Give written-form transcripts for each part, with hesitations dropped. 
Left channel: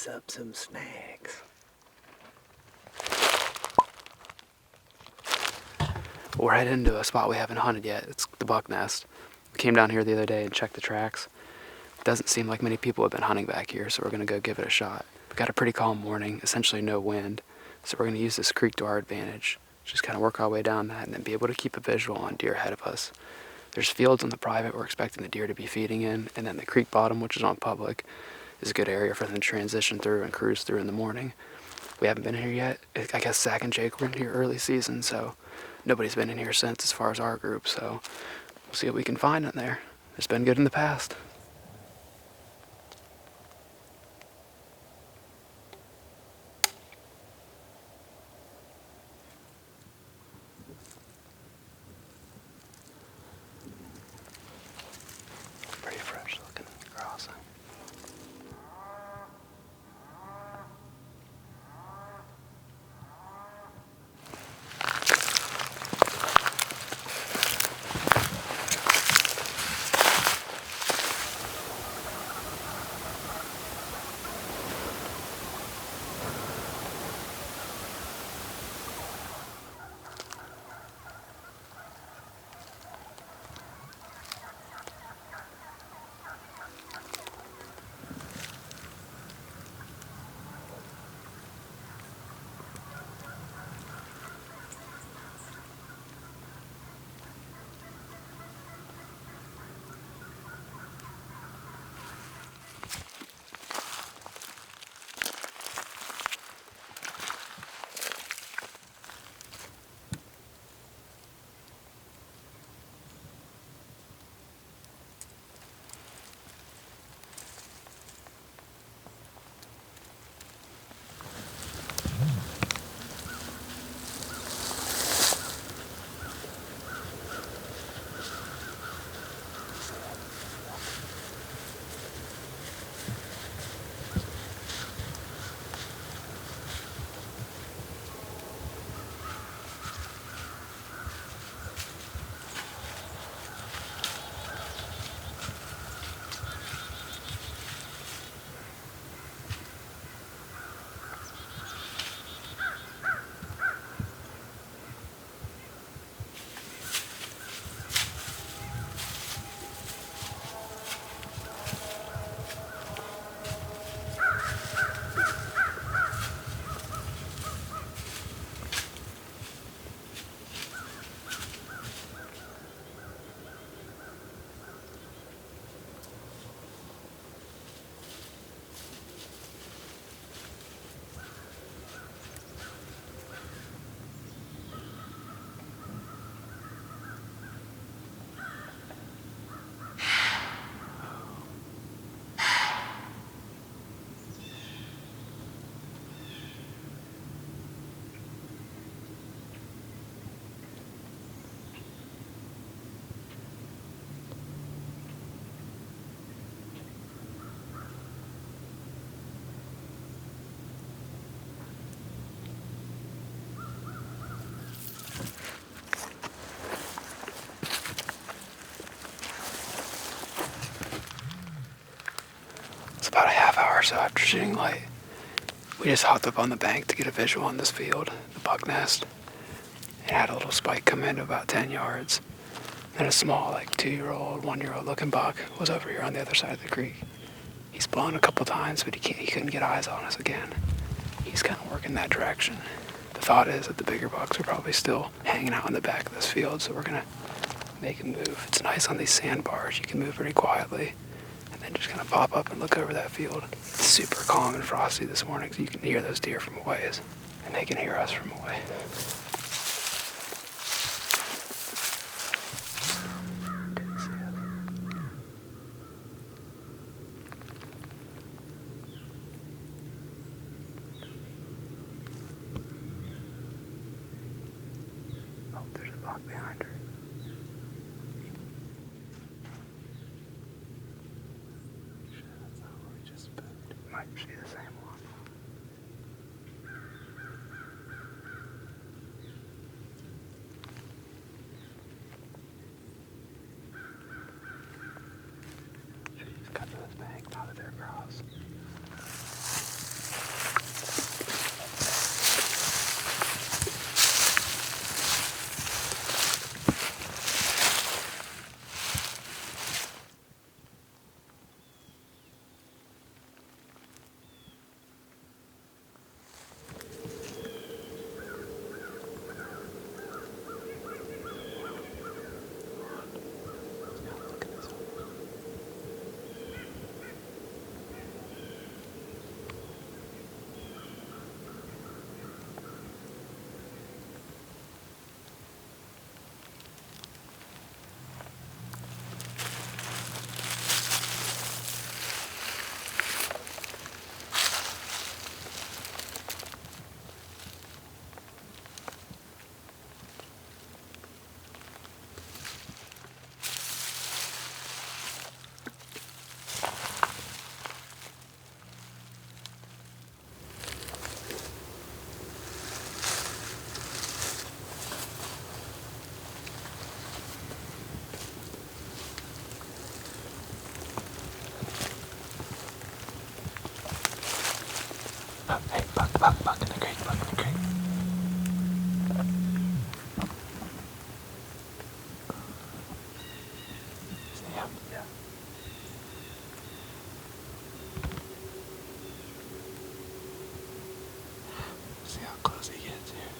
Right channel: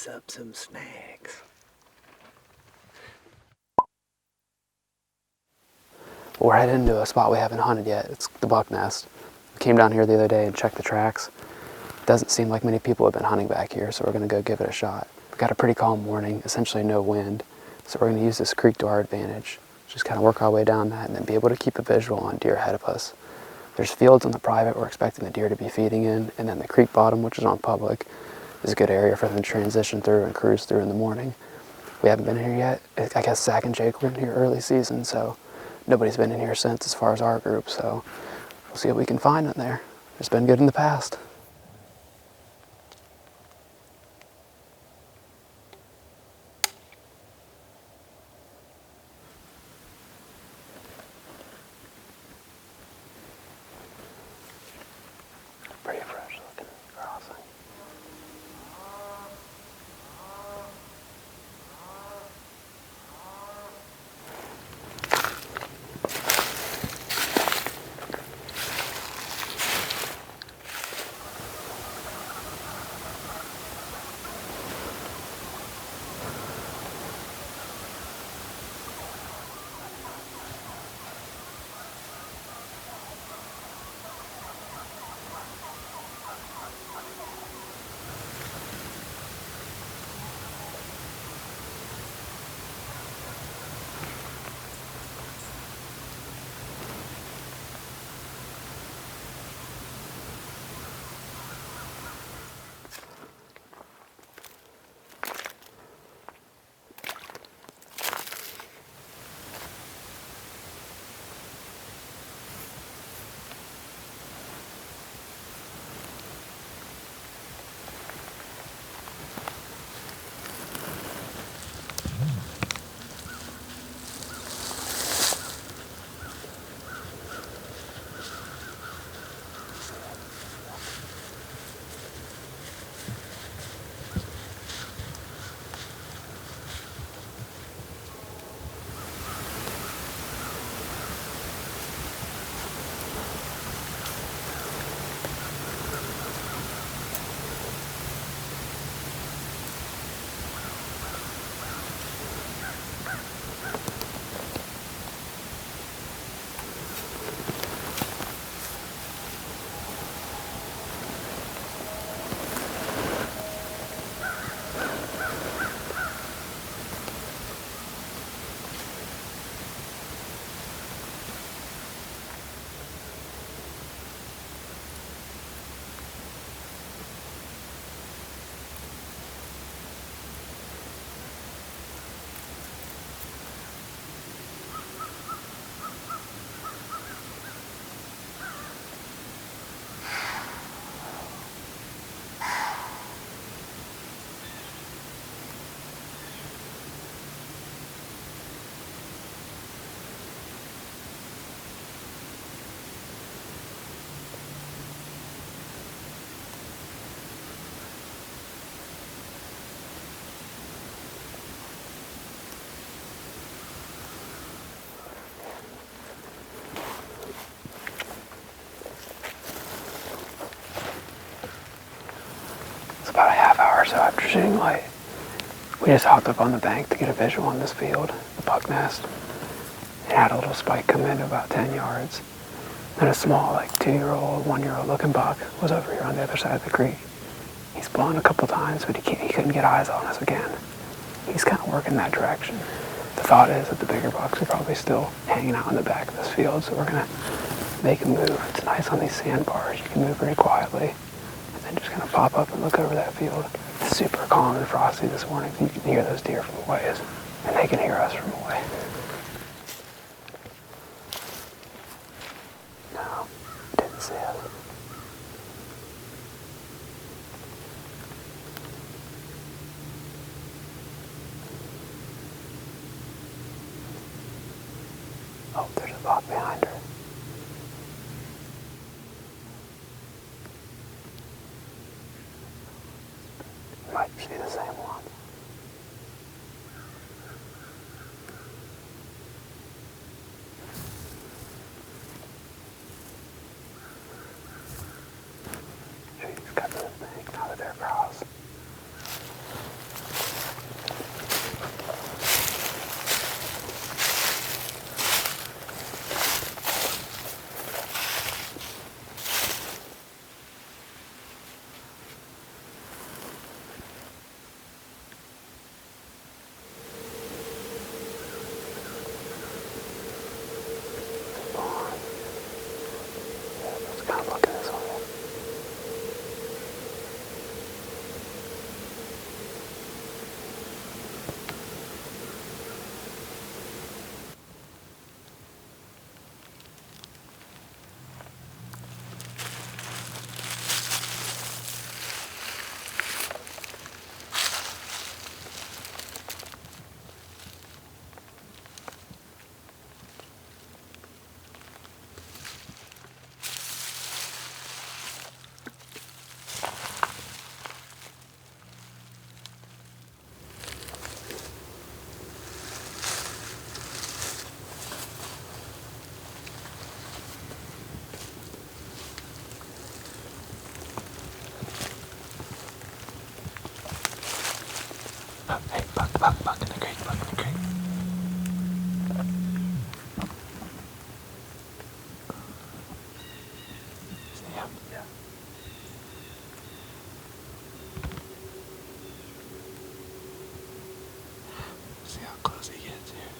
us up some snacks. We're heading to a spot we haven't hunted yet. It's the buck nest. We came down here the other day and checked the tracks. Doesn't seem like many people have been hunting back here, so we're going to go give it a shot. We've got a pretty calm morning, essentially no wind, so we're going to use this creek to our advantage. Just kind of work our way down that and then be able to keep a visual on deer ahead of us. There's fields on the private we're expecting the deer to be feeding in, and then the creek bottom, which is on public, is a good area for them to transition through and cruise through in the morning. We haven't been here yet. I guess Zach and Jake were in here early season, so nobody's been in here since as far as our group, so we'll see what we can find in there. It's been good in the past. Pretty fresh looking crossing. About a half hour or so after shooting light, we just hopped up on the bank to get a visual on this field, the buck nest. It had a little spike come in to about 10 yards. And a small, like 2-year-old, 1-year-old looking buck was over here on the other side of the creek. He's blown a couple times, but he couldn't get eyes on us again. He's kind of working that direction. The thought is that the bigger bucks are probably still hanging out in the back of this field, so we're gonna make a move. It's nice on these sandbars. You can move very quietly. And just kind of pop up and look over that field. It's super calm and frosty this morning, so you can hear those deer from a ways, and they can hear us from a way. No, didn't see us. Oh, there's a buck behind her. Might see the same one. She's got this thing now that they're across. Buck in the creek. See him? Yeah. See how close he gets here.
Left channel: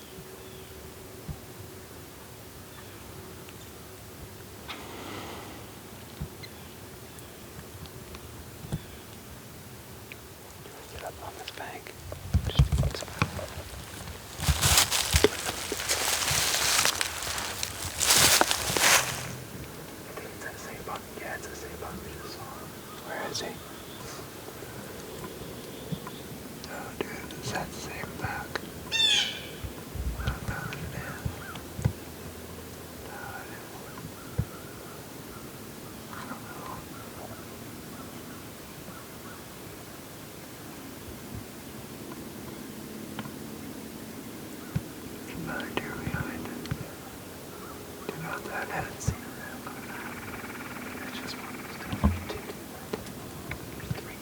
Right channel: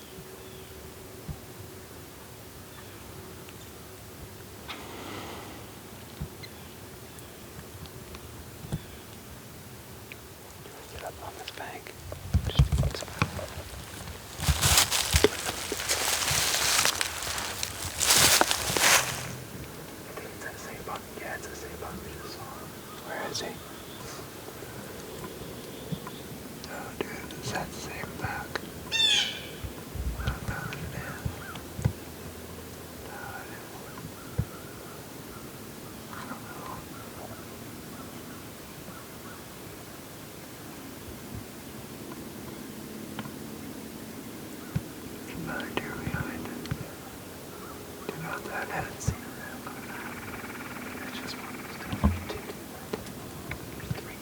Get up on this bank. Yeah, it's the same buck we just saw. Where is he? Oh, dude, is that the same buck? Oh, no, it is. No, it isn't. I don't know. There's another deer behind it. Do not that I haven't seen him. It's just one of those two. Three.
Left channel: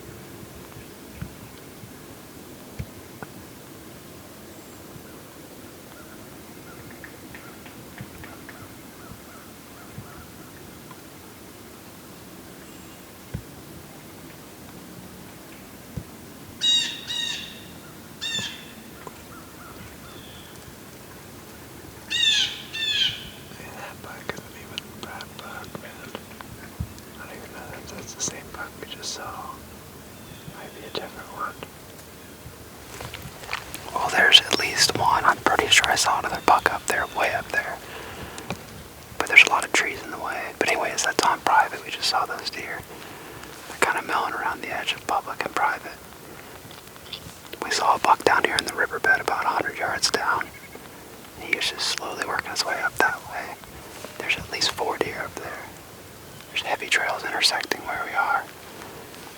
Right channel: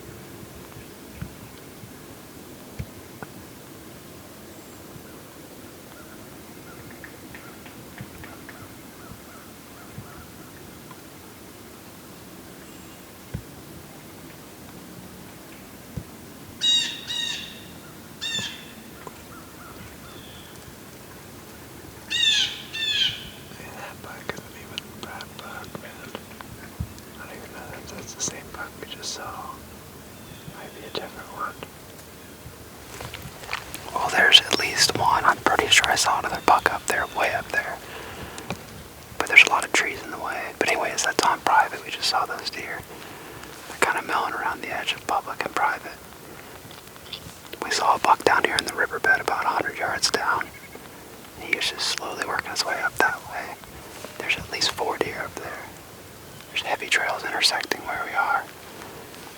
Man, that buck isn't even Brad buck, man. I don't even know if that's the same buck we just saw. Might be a different one. Well, there's at least one. I'm pretty sure I saw another buck up there, way up there. But there's a lot of trees in the way. But anyways, that's on private. We just saw those deer. They're kind of milling around the edge of public and private. We saw a buck down here in the riverbed about 100 yards down. He was just slowly working his way up that way. There's at least 4 deer up there. There's heavy trails intersecting where we are.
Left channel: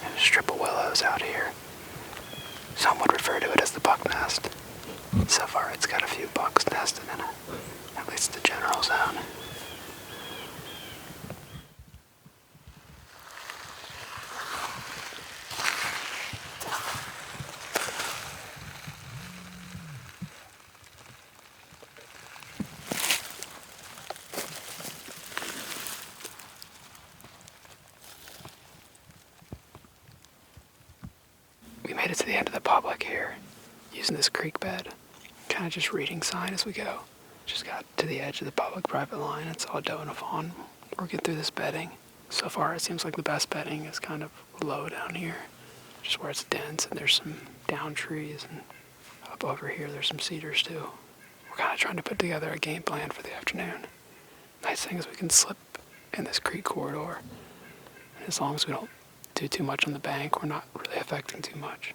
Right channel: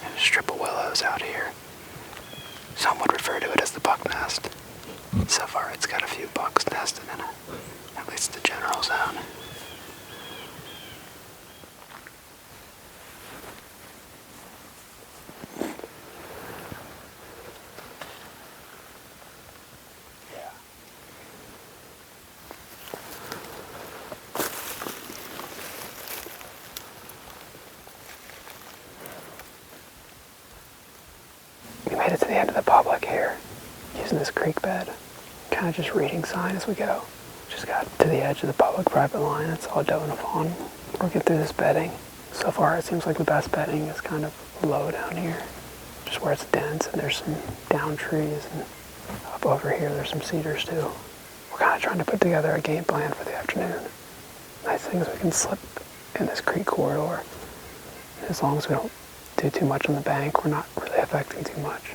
And a strip of willows out here. Some would refer to it as the buck nest. So far it's got a few bucks nested in it. At least the general zone. We made it to the end of the public here, using this creek bed. Kind of just reading sign as we go. Just got to the edge of the public private line and saw a doe and a fawn working through this bedding. So far it seems like the best bedding is kind of low down here, just where it's dense and there's some down trees, and up over here there's some cedars too. We're kind of trying to put together a game plan for the afternoon. Nice thing is we can slip in this creek corridor. As long as we don't do too much on the bank, we're not really affecting too much.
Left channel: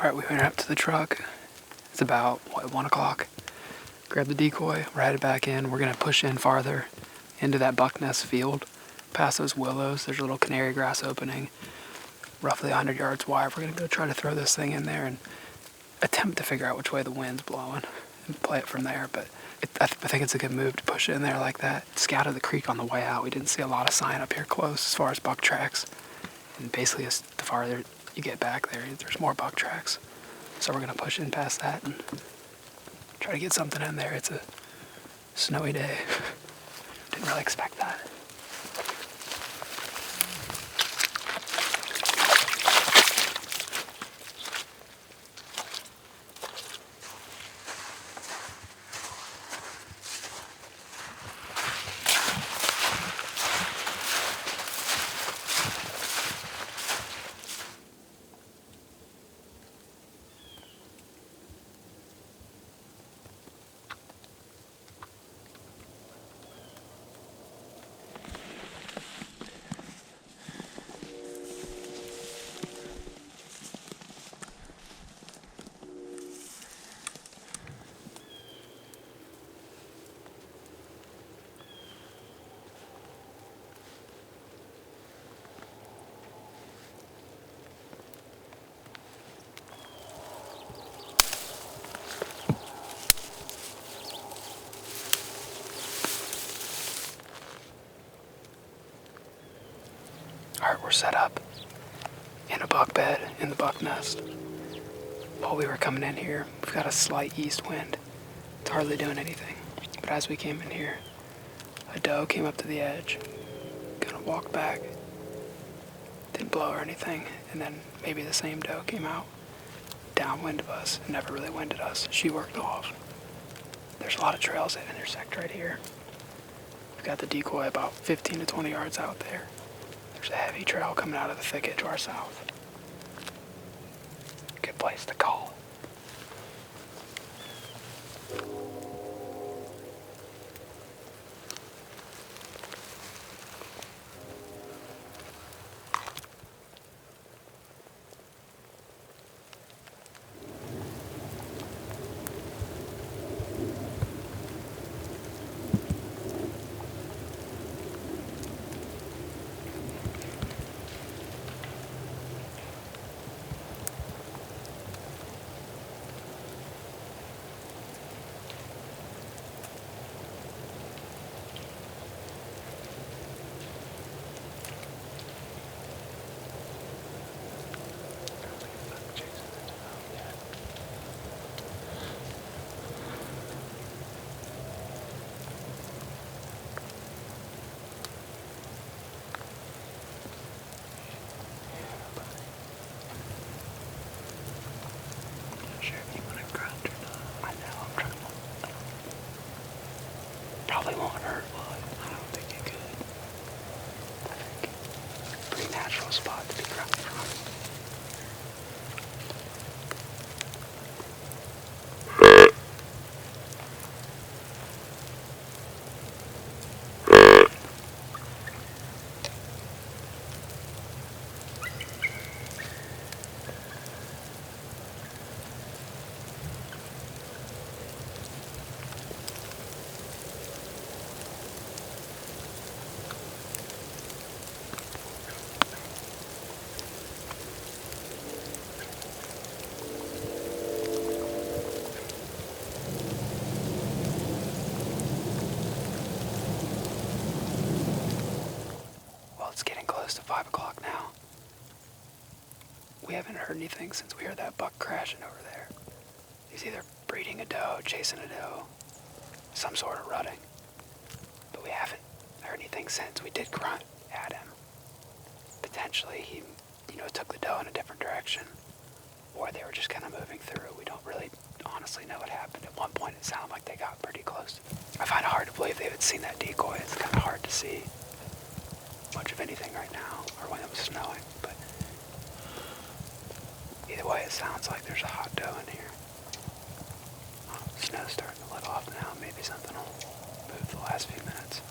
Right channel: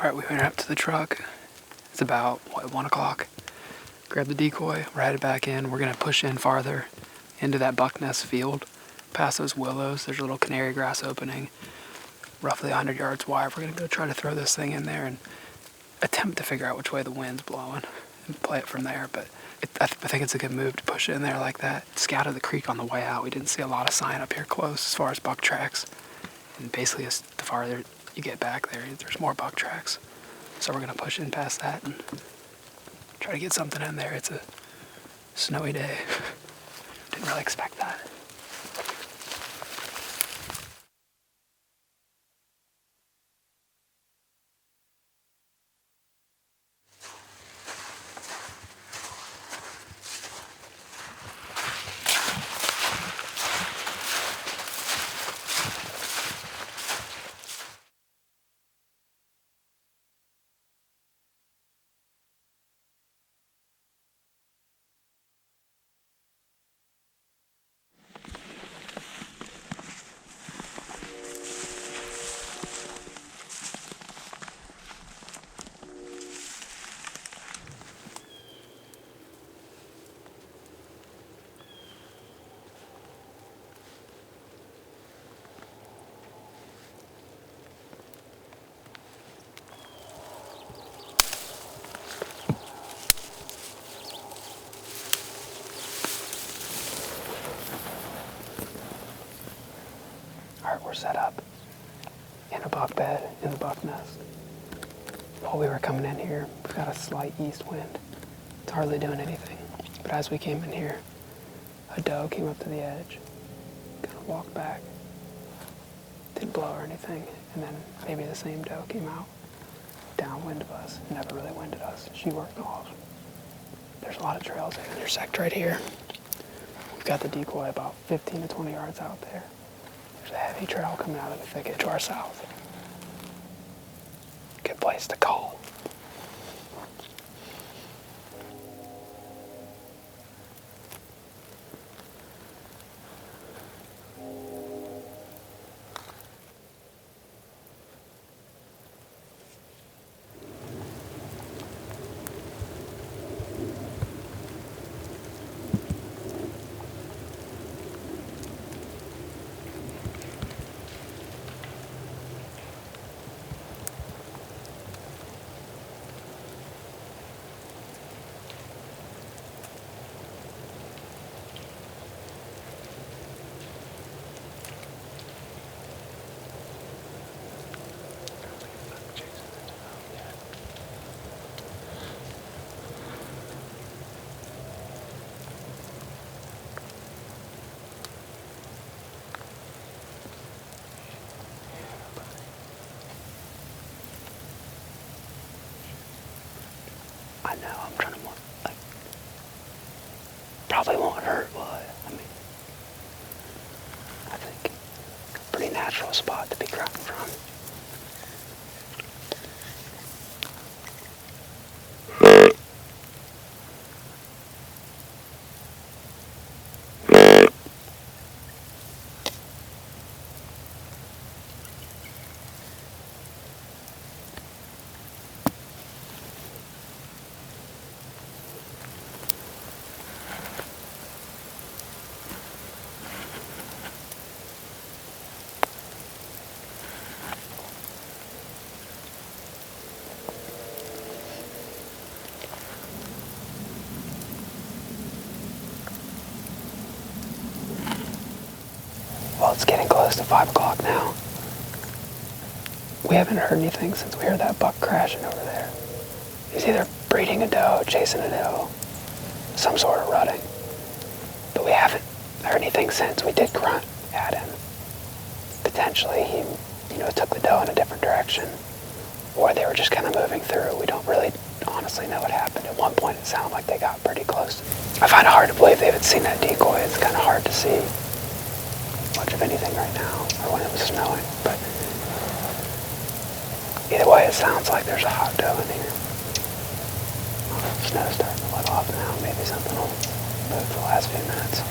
Alright, we went up to the truck. It's about, 1 o'clock. Grab the decoy, we're headed back in. We're going to push in farther into that buck nest field. Past those willows, there's a little canary grass opening, roughly 100 yards wide. We're going to go try to throw this thing in there and attempt to figure out which way the wind's blowing and play it from there. But I think it's a good move to push it in there like that. Scouted the creek on the way out. We didn't see a lot of sign up here close as far as buck tracks. And basically, as the farther you get back there, there's more buck tracks. So we're going to push in past that and try to get something in there. It's a snowy day. Didn't really expect that. We're set up in a buck bed in the buck nest. While we were coming in here, we've got a slight east wind. It's hardly doing anything. But as we came in here, a doe came up to the edge, kind of walked back, didn't blow or anything, and then maybe the same doe came out downwind of us and never really winded us. She worked off. There's a lot of trails that intersect right here. We've got the decoy about 15 to 20 yards out there. There's a heavy trail coming out of the thicket to our south. Good place to call. Probably won't hurt, will it? I don't think you could. I think it's a pretty natural spot to be grunting from. Well, it's getting close to 5 o'clock now. We haven't heard anything since we heard that buck crashing over there. He's either breeding a doe, chasing a doe, some sort of rutting. But we haven't heard anything since. We did grunt at him. Potentially he, took the doe in a different direction. Or they were just kind of moving through. We don't really honestly know what happened. At one point it sounded like they got pretty close. I find it hard to believe they haven't seen that decoy. It's kind of hard to see much of anything right now, or when it was snowing, but either way, it sounds like there's a hot doe in here. Snow's starting to let off now. Maybe something will move the last few minutes.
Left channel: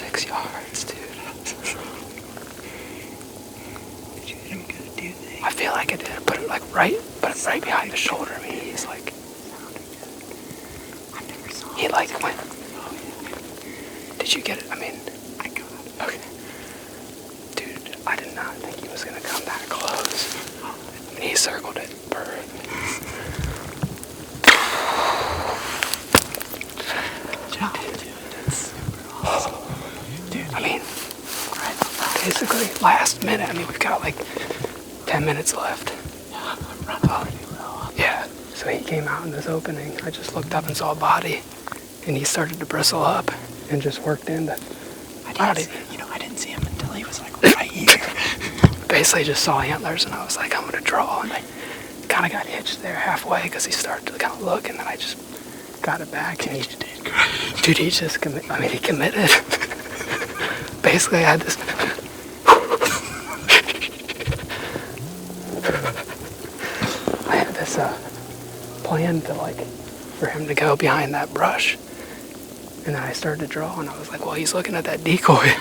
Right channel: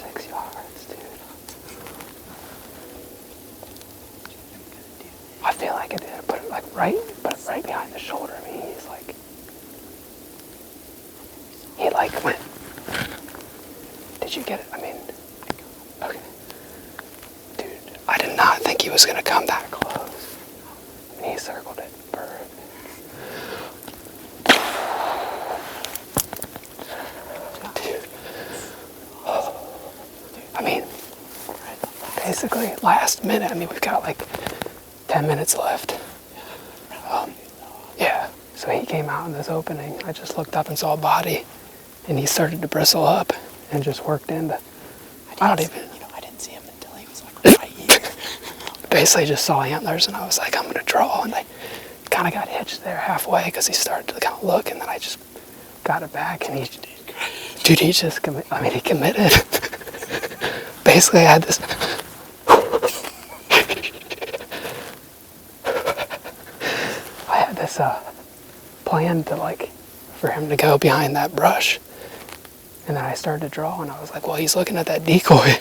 6 yards, dude. Did you hit him good, do you think? I feel like it did. Put it right behind the shoulder. I mean, he's like, I never saw he like went. Did you get it? I mean, I got it. okay. Dude, I did not think he was gonna come that close. And he circled it. Perfect. I mean, basically, last minute. I mean, we've got like 10 minutes left. Yeah. So he came out in this opening. I just looked up and saw a body, and he started to bristle up and just worked into. I didn't see him until he was like right here. Basically, just saw antlers, and I was like, I'm gonna draw, and I kind of got hitched there halfway because he started to kind of look, and then I just got it back, and he did great. Dude, he just committed. I mean, he committed. Basically, I had this. I had this plan to for him to go behind that brush, and then I started to draw, and I was like, well, he's looking at that decoy,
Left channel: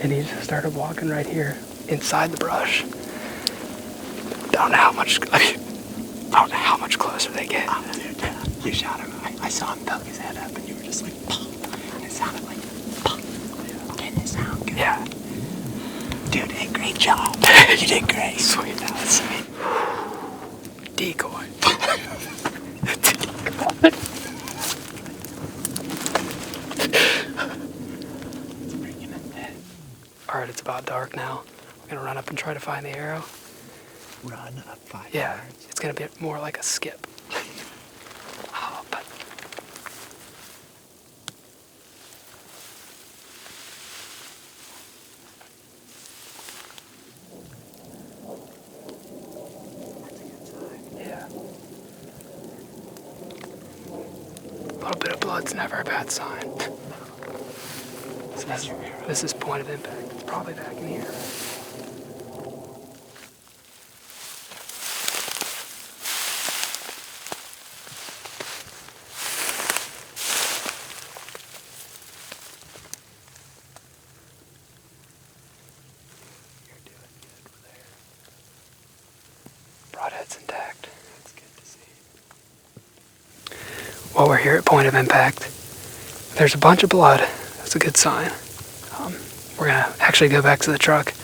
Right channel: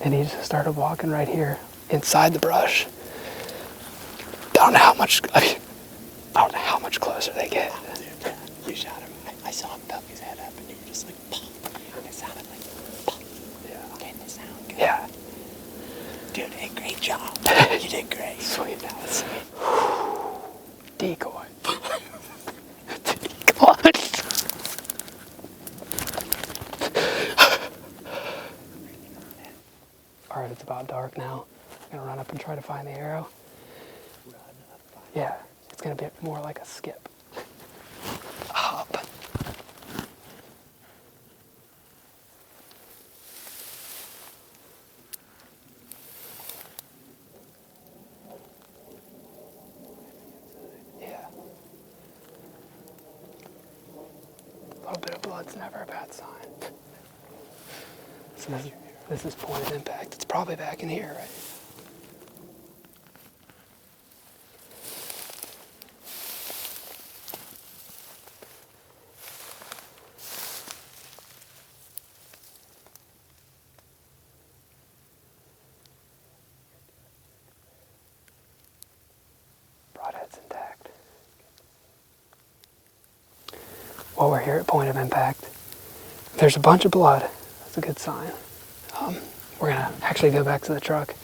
and he just started walking right here inside the brush. Don't know how much. I don't know how much closer they get. You shot him. I saw him poke his head up, and you were just like, pop. And it sounded like, pop. Yeah. Didn't it sound good? Yeah. Dude, hey, great job. You did great. Sweet. That was sweet. Decoy. Alright, it's about dark now. I'm gonna run up and try to find the arrow. Run up 5 Yeah, yards. it's gonna be more like a skip. Hop. Yeah. A little bit of blood's never a bad sign. This is point of impact. It's probably back in here. Broadhead's intact. That's good to see. Well, we're here at point of impact. There's a bunch of blood. That's a good sign. We're gonna actually go back to the truck.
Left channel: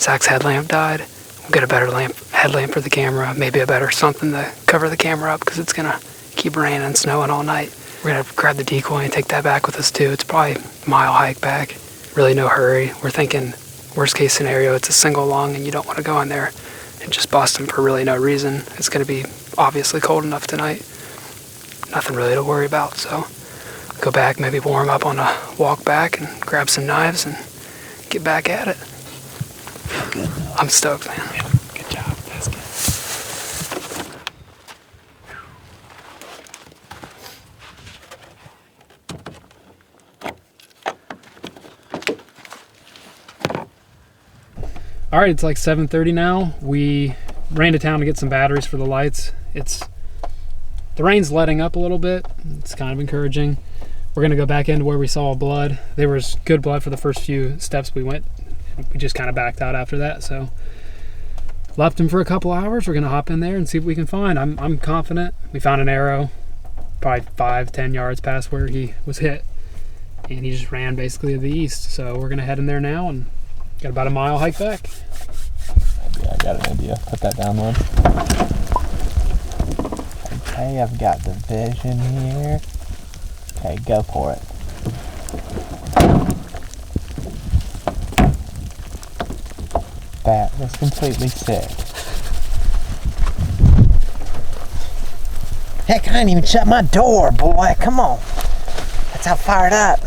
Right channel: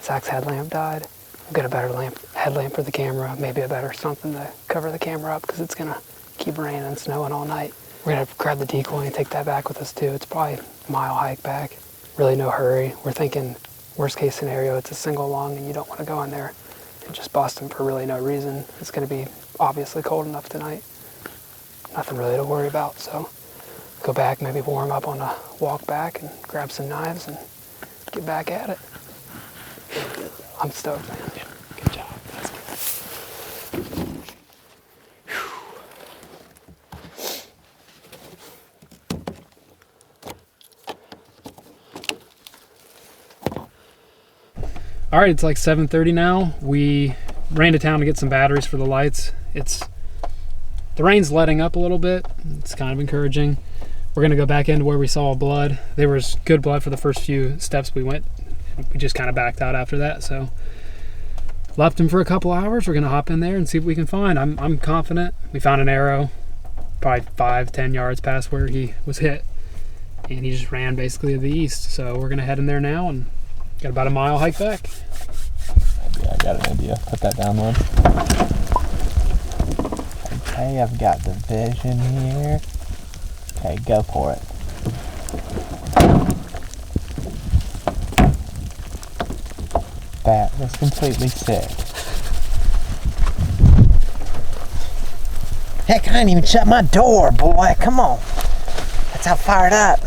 Zach's headlamp died. We'll get a better headlamp for the camera, maybe a better something to cover the camera up because it's gonna keep raining and snowing all night. We're gonna grab the decoy and take that back with us too. It's probably a mile hike back. Really no hurry. We're thinking worst case scenario, it's a single lung and you don't want to go in there and just bust him for really no reason. It's gonna be obviously cold enough tonight. Nothing really to worry about, so go back, maybe warm up on a walk back and grab some knives and get back at it. Feel good. I'm stoked, man. Yeah, good job. That's good. All right, it's like 7:30 now. We ran to town to get some batteries for the lights. The rain's letting up a little bit. It's kind of encouraging. We're gonna go back into where we saw blood. There was good blood for the first few steps we went. We just kind of backed out after that. So left him for a couple hours. We're gonna hop in there and see what we can find. I'm confident. We found an arrow, probably 5-10 yards past where he was hit, and he just ran basically to the east. So we're gonna head in there now and got about a mile hike back. Yeah, I got an idea. Put that down one. Okay, I've got the vision here. Okay, go for it. That was completely sick. Heck, I didn't even shut my door, boy. Come on. That's how fired up.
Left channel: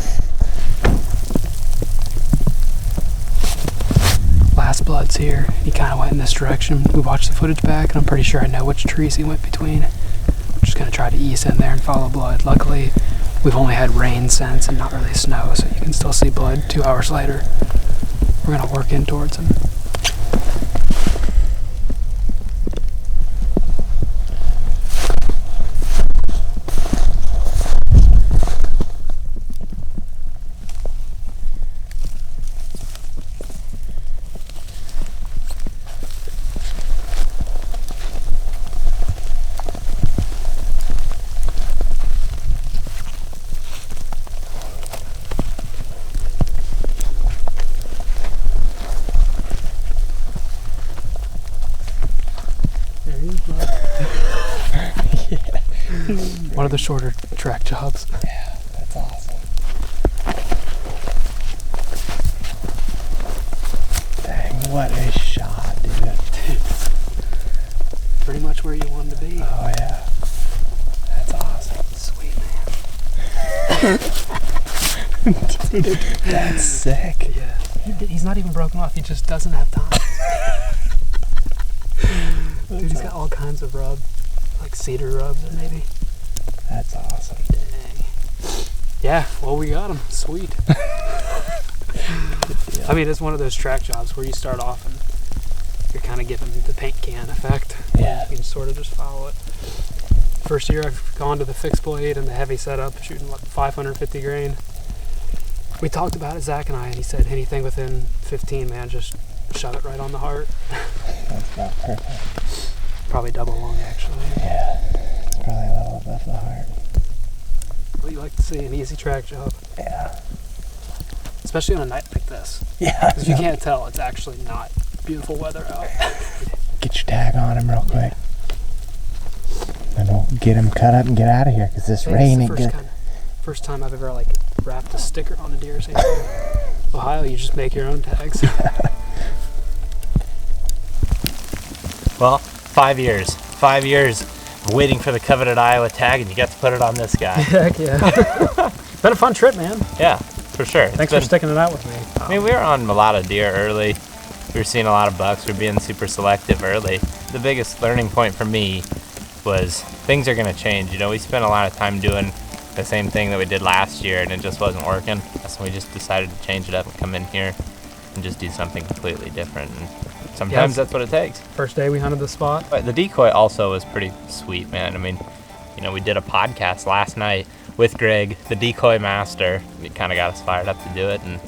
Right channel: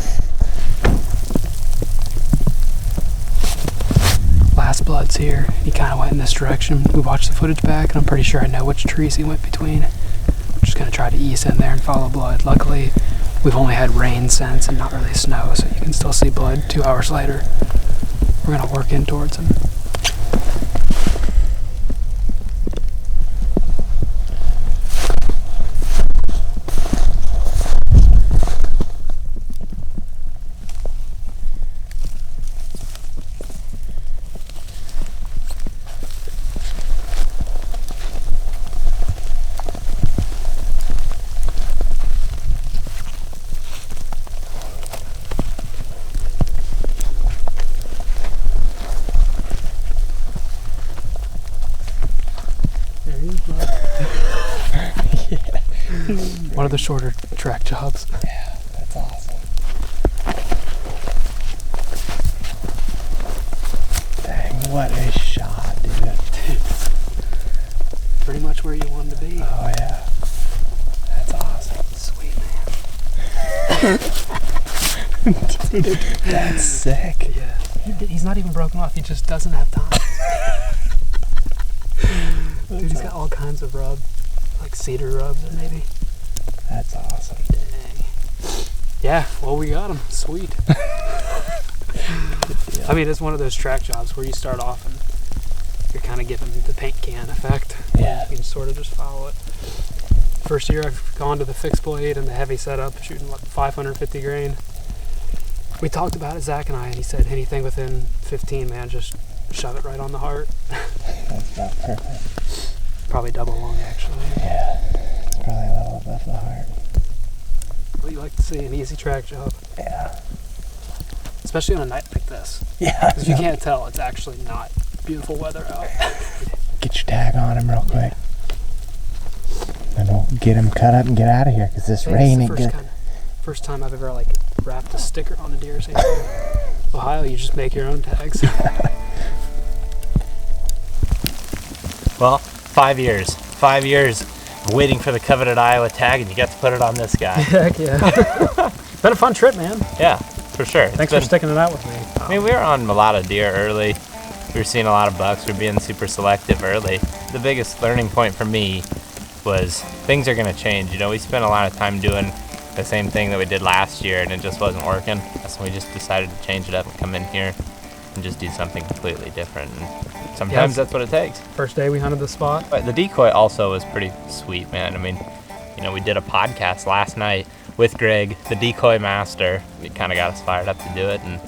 Last blood's here. He kind of went in this direction. We watched the footage back, and I'm pretty sure I know which trees he went between. I'm just gonna try to ease in there and follow blood. Luckily, we've only had rain since and not really snow, so you can still see blood 2 hours later. We're gonna work in towards him. of the shorter track jobs. Yeah, that's awesome. Dang, what a shot, dude. Pretty much where you wanted to be. Oh, yeah. That's awesome. Sweet, man. Dude, that's sick. Yeah. He's not even broken off. He just doesn't have time. Dude, he's got all kinds of rub. Like cedar rubs, maybe. That's awesome. Dang. Yeah, well, we got him. Sweet. I mean, it's one of those track jobs where you start off and you're kind of given the paint can effect. Yeah. You can sort of just follow it. First year I've gone to the fixed blade and the heavy setup, shooting what, 550 grain. We talked about it, Zach and I, and he said anything within 15, man, just shove it right on the heart. That's about perfect. Probably double long, actually. Yeah, it's probably a little above the heart. What you like to see, an easy track job. Yeah. Especially on a night like this. Yeah. Because you can't tell, it's actually not beautiful weather out. Get your tag on him real quick. And we'll get him cut up and get out of here because this rain ain't good. First time I've ever like wrapped a sticker on a deer. Ohio, you just make your own tags. Well, 5 years. 5 years of waiting for the coveted Iowa tag, and you got to put it on this guy. Heck yeah. Been a fun trip, man. Yeah, for sure. Thanks for sticking it out with me. I mean, we were on a lot of deer early. We were seeing a lot of bucks. We were being super selective early. The biggest learning point for me was things are going to change. You know, we spent a lot of time doing the same thing that we did last year, and it just wasn't working. So we just decided to change it up and come in here and just do something completely different. And sometimes that's what it takes. First day we hunted the spot. But the decoy also was pretty sweet, man. I mean, you know, we did a podcast last night with Greg, the decoy master. It kind of got us fired up to do it and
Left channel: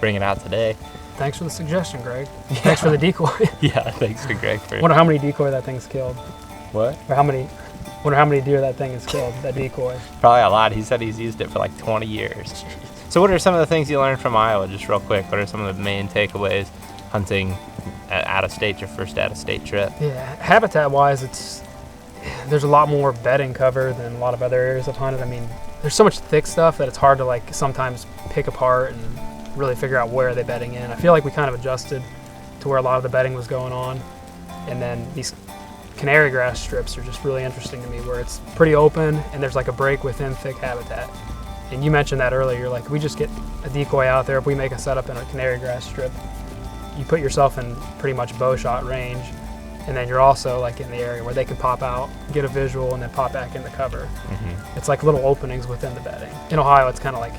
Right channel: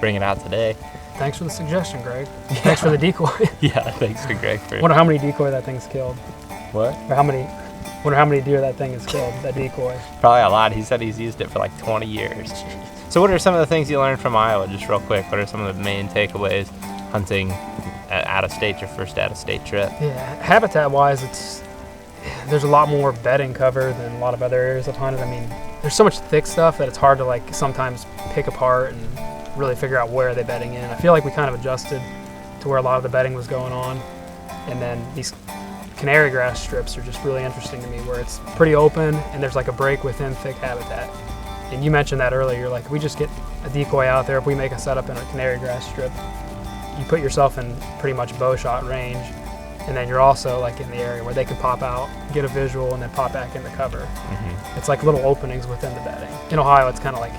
bring it out today. Thanks for the suggestion, Greg. Thanks for the decoy. Yeah, thanks to Greg for it. Wonder how many decoy that thing's killed. What? Or wonder how many deer that thing has killed, that decoy. Probably a lot. He said he's used it for like 20 years. So what are some of the things you learned from Iowa, just real quick? What are some of the main takeaways hunting out of state, your first out of state trip? Yeah, habitat-wise, there's a lot more bedding cover than a lot of other areas I've hunted. I mean, there's so much thick stuff that it's hard to like sometimes pick apart and really figure out where they're bedding in. I feel like we kind of adjusted to where a lot of the bedding was going on. And then these canary grass strips are just really interesting to me, where it's pretty open and there's like a break within thick habitat. And you mentioned that earlier, like if we just get a decoy out there, if we make a setup in a canary grass strip, you put yourself in pretty much bow shot range, and then you're also like in the area where they can pop out, get a visual, and then pop back in the cover. Mm-hmm. It's like little openings within the bedding. In Ohio, it's kind of like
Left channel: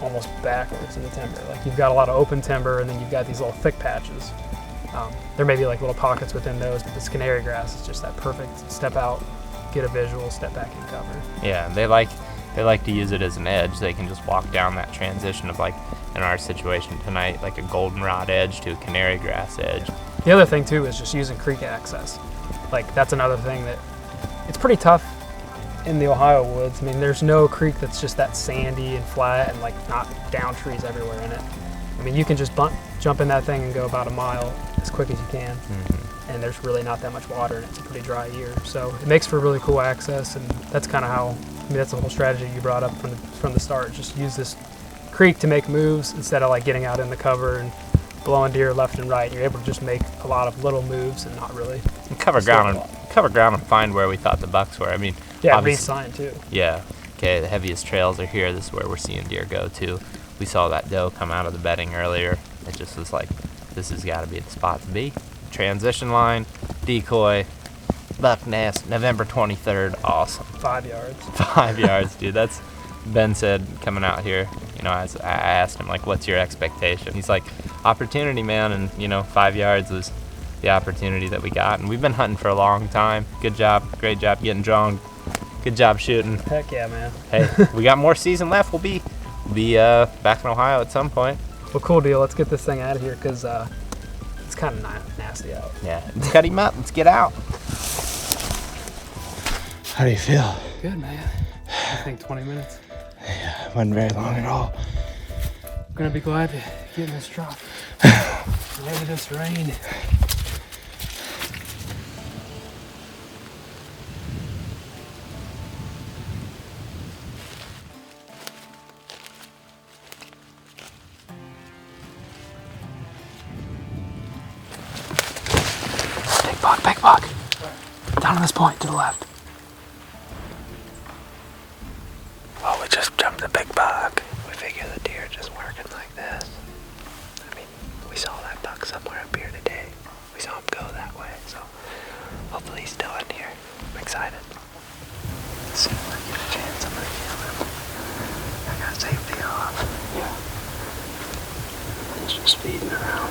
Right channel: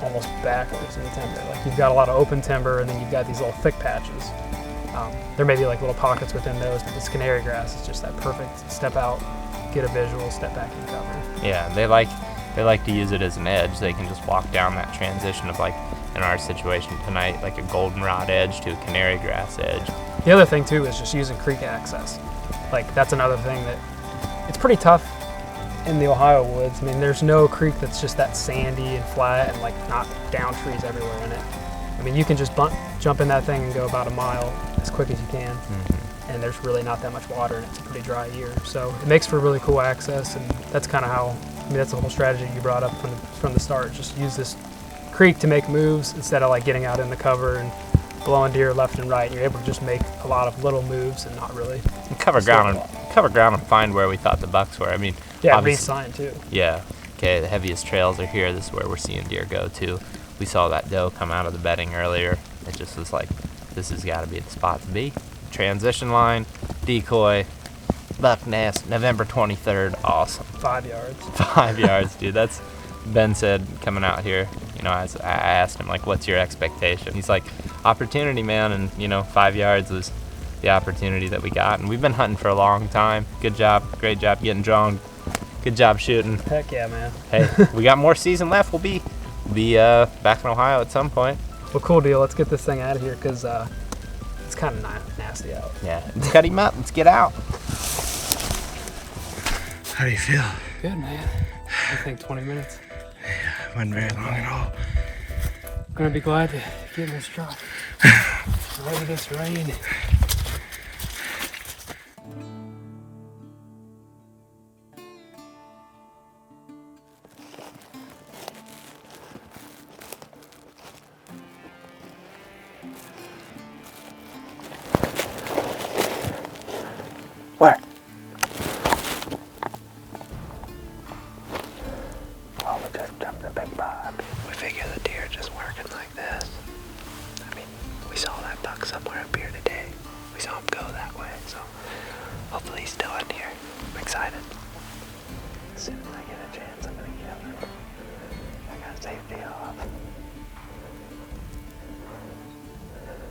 almost backwards in the timber. Like you've got a lot of open timber, and then you've got these little thick patches. There may be like little pockets within those, but this canary grass is just that perfect step out, get a visual, step back in cover. Yeah, they like to use it as an edge. They can just walk down that transition of, like in our situation tonight, like a goldenrod edge to a canary grass edge. The other thing too is just using creek access. Like that's another thing that it's pretty tough in the Ohio woods. I mean, there's no creek that's just that sandy and flat and like not down trees everywhere in it. I mean, you can just jump in that thing and go about a mile as quick as you can. Mm-hmm. And there's really not that much water and it's a pretty dry year. So it makes for really cool access, and that's kind of how, I mean, that's the whole strategy you brought up from the start. Just use this creek to make moves instead of like getting out in the cover and blowing deer left and right. You're able to just make a lot of little moves and not really cover ground and find where we thought the bucks were. I mean, yeah, read sign too. Yeah. Okay, the heaviest trails are here. This is where we're seeing deer go to. We saw that doe come out of the bedding earlier. It just was like, this has got to be the spot to be. Transition line, decoy, buck nest, November 23rd. Awesome. 5 yards. 5 yards, dude. That's Ben said coming out here. You know, I asked him like, "What's your expectation?" He's like, "Opportunity, man." And you know, 5 yards was the opportunity that we got. And we've been hunting for a long time. Good job, great job getting drawn. Good job shooting. Heck yeah, man. Hey, we got more season left. We'll be back in Ohio at some point. Well, cool deal. Let's get this thing out of here because it's kind of nasty out. Yeah, let's cut him up. Let's get out. How do you feel? Good, man. I think 20 minutes. Yeah, it wasn't very long at all. I'm gonna be glad to get in this truck. Over this rain. Fuck. Where? Down on this point to the left. Oh, we just jumped a big buck. We figure the deer just working like this. I mean, we saw that buck somewhere up here today. We saw him go that way, so hopefully he's still in here. I'm excited. As soon as I get a chance, I'm gonna kill him. I got safety off. Yeah. He's just feeding around.